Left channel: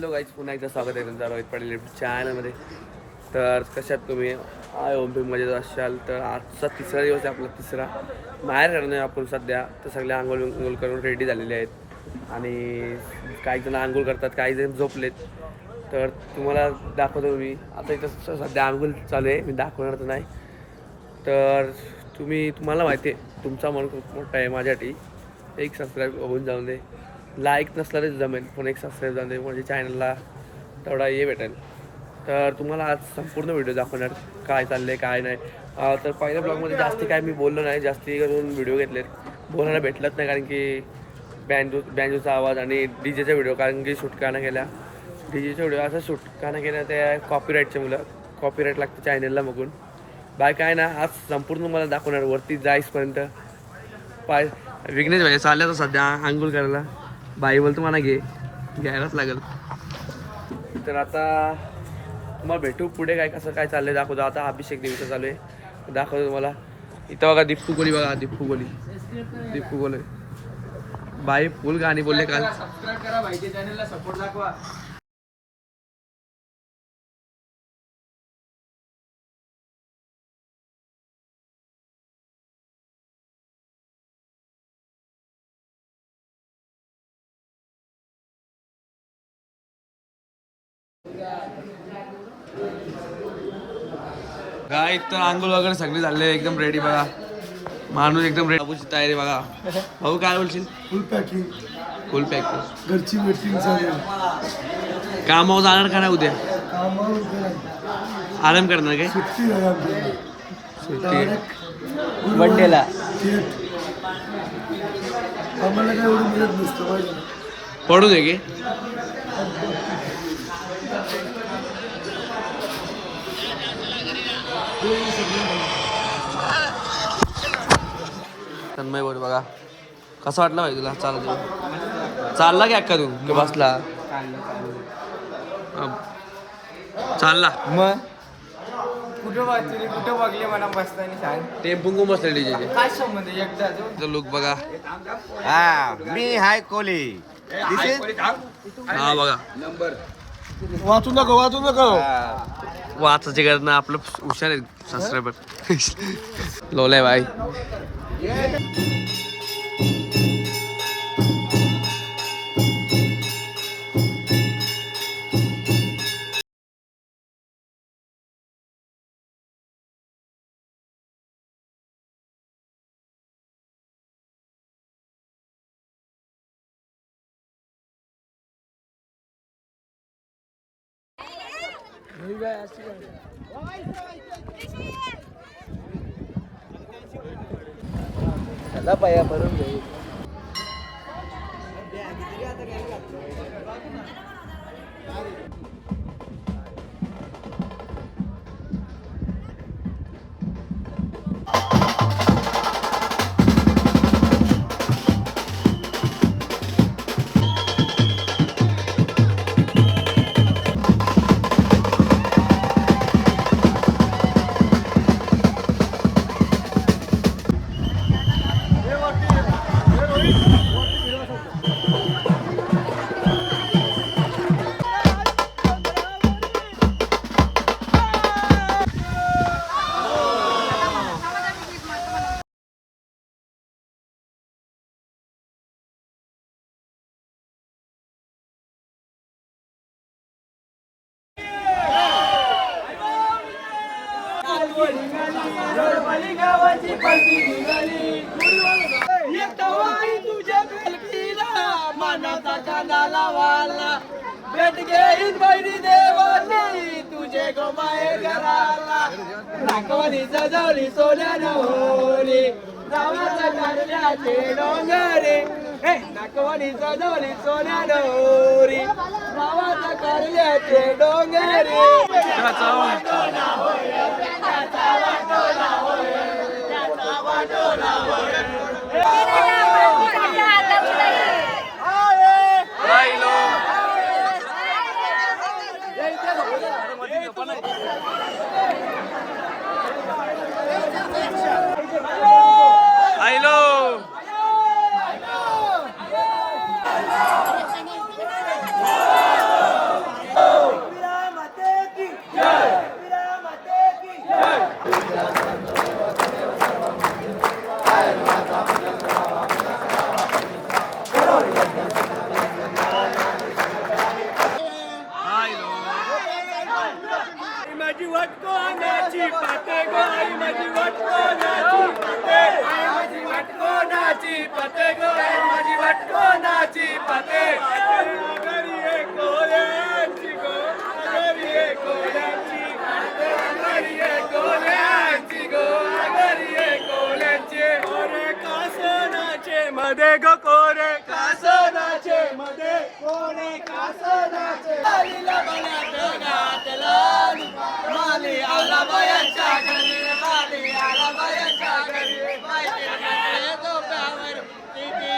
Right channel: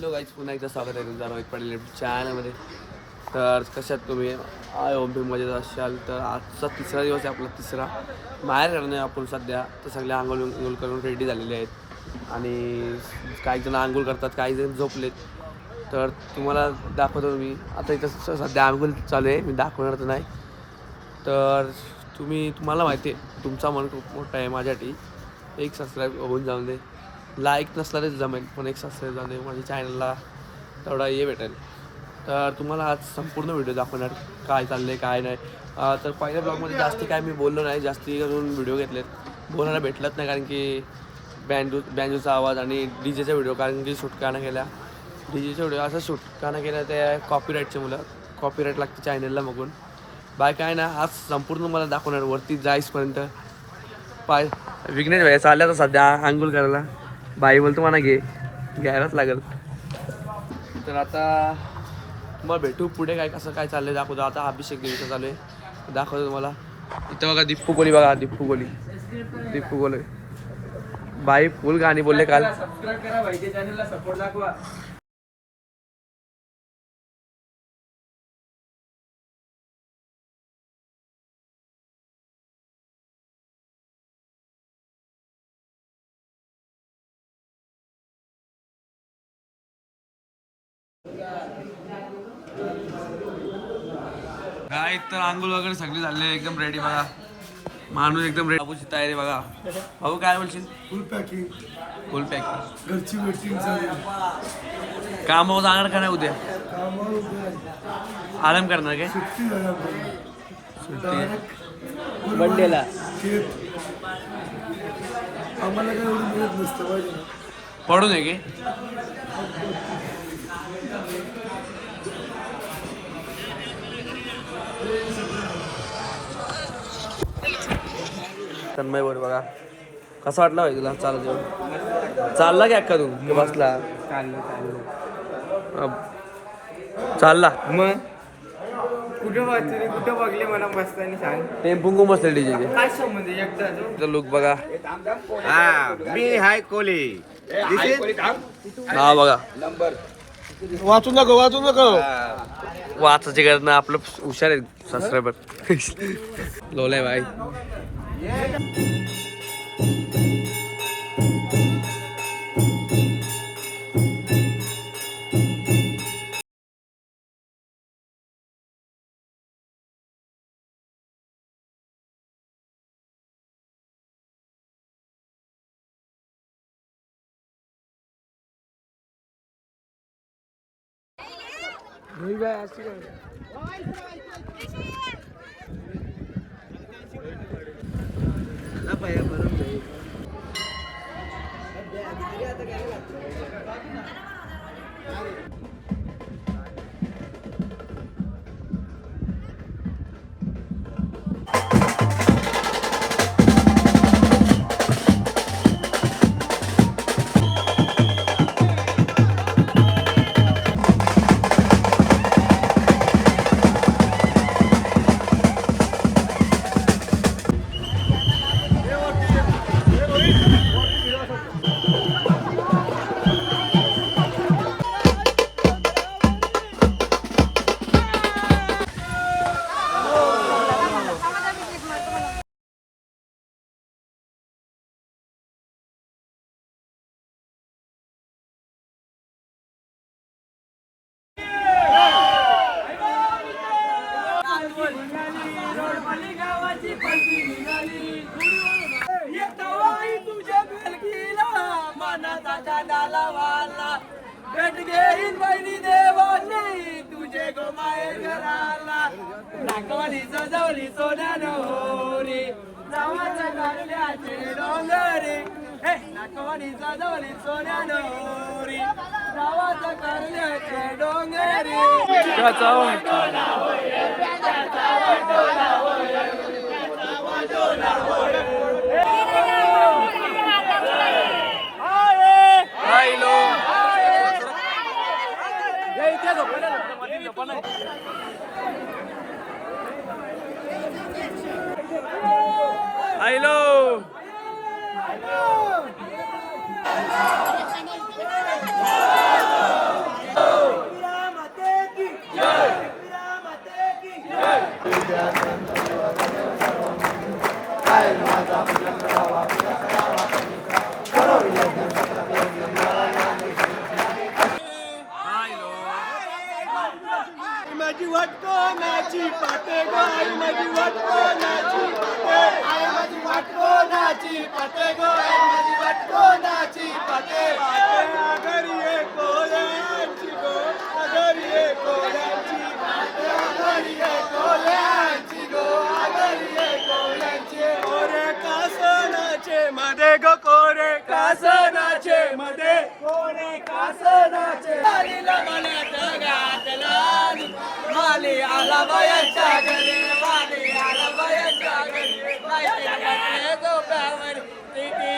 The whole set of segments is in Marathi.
हॅलो गाईज, पुन्हा एकदा स्वागत आहे तुमचं रोहित पाटील चॅनलमध्ये. तर कशात तुम्ही ओमपीमध्ये असाल तर आजचा तिसरा दिवस आहे आपला, तिसरा बाहेर करणे आपण सध्या. तर सगळे आंघोळ करून रेडी झालेले आहेत आणि काही जण आंघोळ करतात, काही जण झोपलेत. तर तुम्हाला दाखवतो मी आता इथं सध्या आंघोळ चालू आहे, मी दाखवणार तर नाही. तर तुम्हाला माहिती आहे तुमचा मन खूप मोठा आहे माझ्यासाठी. एक सबस्क्राईब होऊन जाऊन दे, लाईक नसला तरी जमेल पण एक सबस्क्राईब जाऊन दे, माझ्या चॅनलला तेवढा हे भेटेल. तर तुम्हाला आज संपूर्ण व्हिडिओ दाखवणार काय चाललं आहे काय नाही. तर पहिल्या ब्लॉगमध्ये जास्ती काय मी बोललो नाही, जास्ती करून व्हिडिओ घेतलेत, बोलायला भेटलंच नाही कारण की बँजूचा आवाज आणि डीजेचा व्हिडिओ, कारण की शूट का नाही केल्या डीजेचा व्हिडिओ असं शूट का नाही केल्या ते कॉपीराईटचे मुलं, कॉपीराईट लागते चॅनलला बघून. बाय काय ना, आज संपूर्ण मला दाखवणार वरती जाईसपर्यंत. विघ्नेश भाई चालल्या तर सध्या आंघोळ करायला, बाई बोलतो मला घ्यायलाच लागेल. तर आता तुम्हाला भेटू पुढे काय कसं काय चाललंय दाखवतो. आता अभिषेक देवीचं चालू आहे, दाखवतो तुम्हाला. इथं बघा दीपू कोली, बघा दीपू कोली बाई फुल गाणी बोलले काल. सबस्क्राईब करा भाई, चॅनलला सपोर्ट दाखवा. काय तर आंघोळ वगैरे सगळी झाले, एकदम रेडी बघा. माणूस एकदम रेडी, बाबूची तयारी बघा. भाऊ काय बोलशील? फुल पॅकिंग घरची मीटिंग चालू. कामावर जाणार का नाही उद्या? आराम करणार काय? सुट्टी मंडेला आम्हाला काय एवढं मिळत नसतं पाहिजे ना. पडू दे की. तन्मय बोल बघा, कसं वाटलं भाई तुला? चालला की अक्का तू की बसला? चालला मग कुठं बघते, कुठं बघले मला बसताना सांग. टेम्पू मस्त डीजे काय संबंध एकदा लुक बघा. मी हाय कोली. हा बघा, वाचू नको वाचायची गरज नाही, आपलं हुशार आहे सबस्क्रायबर. लोलाय बाई. भेट घेईन बहिणी देवाची तुझे गोमाये घराला. नाकवानी सजवली सोन्यानं होरी, नावाच्या कारल्याचे डोंगरे. नाकवानी सजवली सोन्यानं होरी, नावाच्या कारल्याचे डोंगरे. आयलो वाट कोणाची पाटे गो आई माझी वाट कोणाची पाटे आई माझी वाट कोणाची पाटे गो आई माझी वाट कोणाची पाटे घरी ये कोल्यांची गो घरी ये कोल्यांची घरी ये कोल्यांची गो घरी ये कोल्यांची कोरे कासनाचे मध्ये गो कोरे कासनाचे मध्ये कोरे कासनाचे आलीला मला जगातला माली आला बायाच्या घरी माली आला बायाच्या घरी बायाच्या घरी डोक्यावर तिथे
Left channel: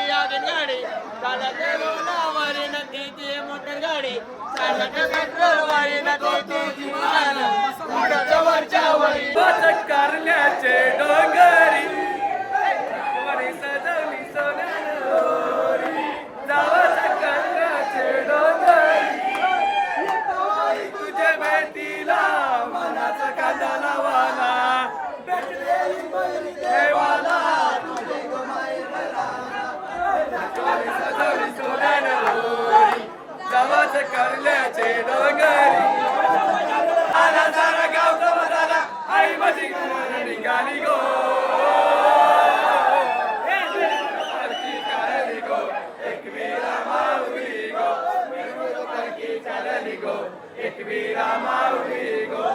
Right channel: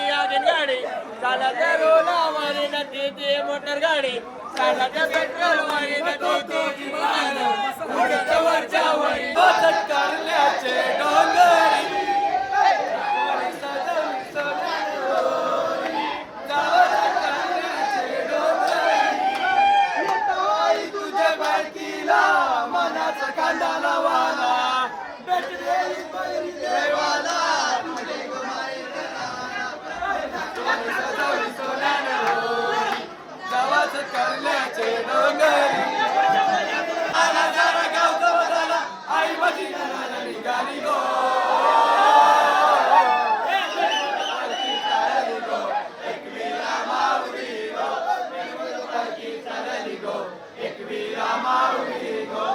गाडी चालत रोलावर न तिथे मोटर गाडी चालत पेट्रोलवर न तिथे वरच्या वरी बचत करण्याचे डोंगरी कोणी सजवली सोन्यानं जावं करण्याचे डोंगरी तुझ्या भेटीला मनाचा कांदा लावाला भेटलेली देवाला सजवली सोन्यानं जावं करण्याचे डोंगरी आला सारा गाव जवळ आई माझी निघाली गो पालखी चालली गो एकवीरा माऊली गो पालखी चालली गो एकवीरा माऊली गो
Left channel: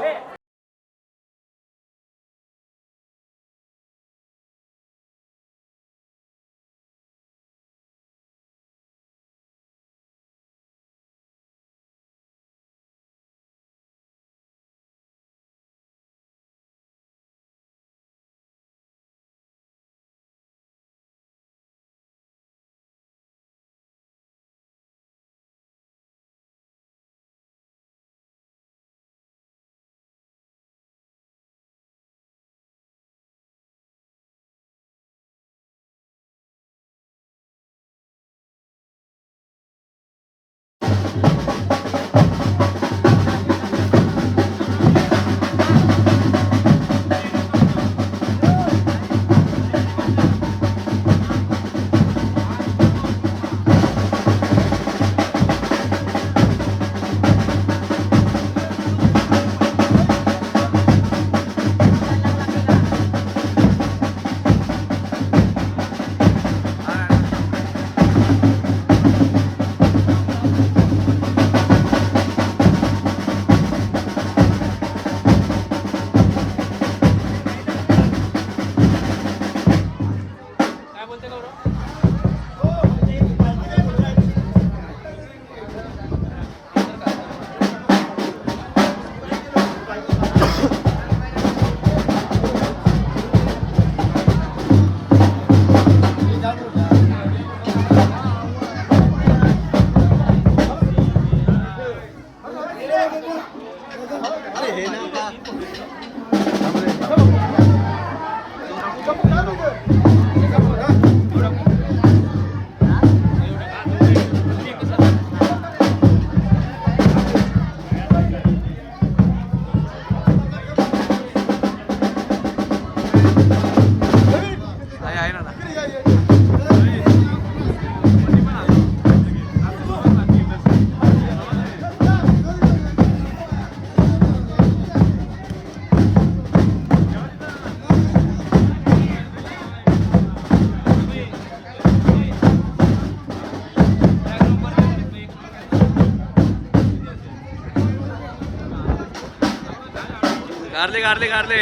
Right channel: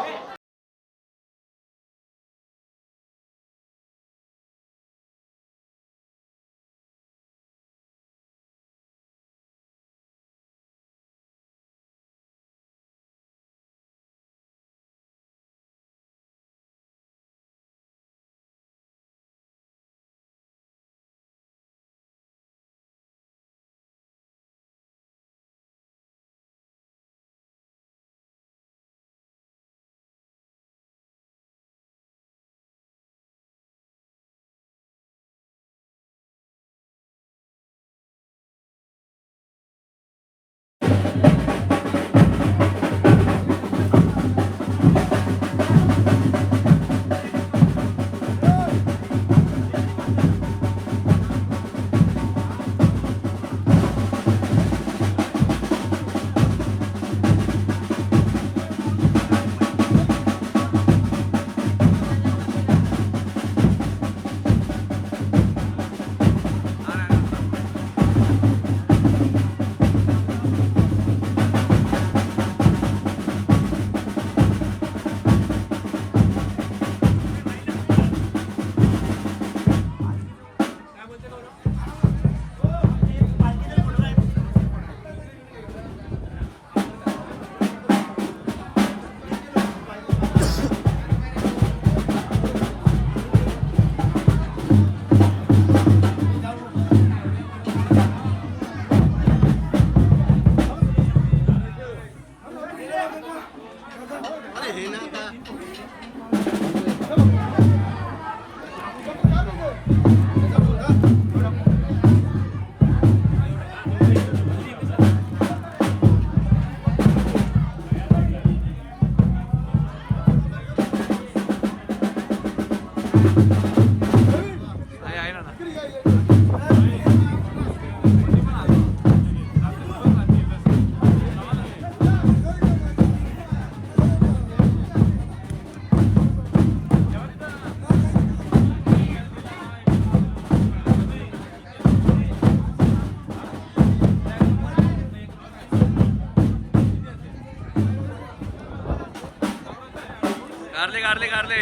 कारले कारले कारले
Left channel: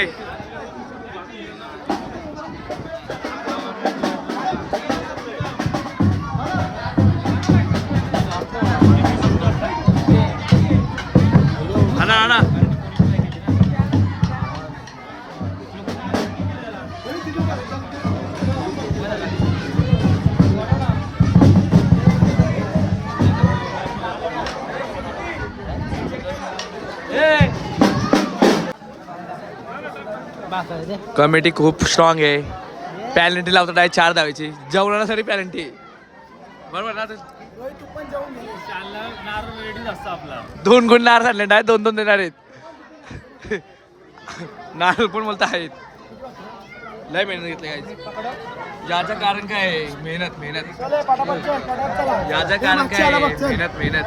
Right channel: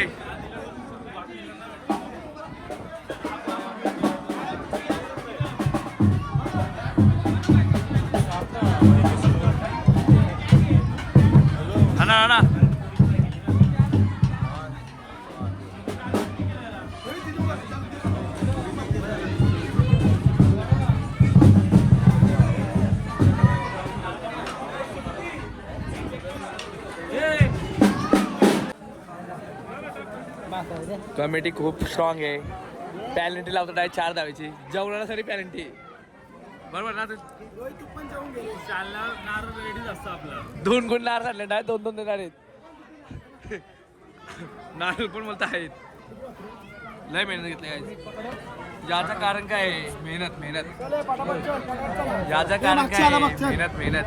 आणा आणा कमिटी खूप स्ट्रॉंग आहे. पॅलेंटी लावतो डायरेक्ट 4 धावायची जेवणासाठी पॅलेंटी बरोबर ना. नारळ रेडी असतो आपला 2 गुण नारळ झाले डायरेक्ट 2-2 देणार आहेत. नारळ पण बोलत आहेत. लय मेहनत घेतली काय याचं कारण काय आहे? मेहनत मेहनत. याचं कारण काय आहे? मेहनत मेहनत.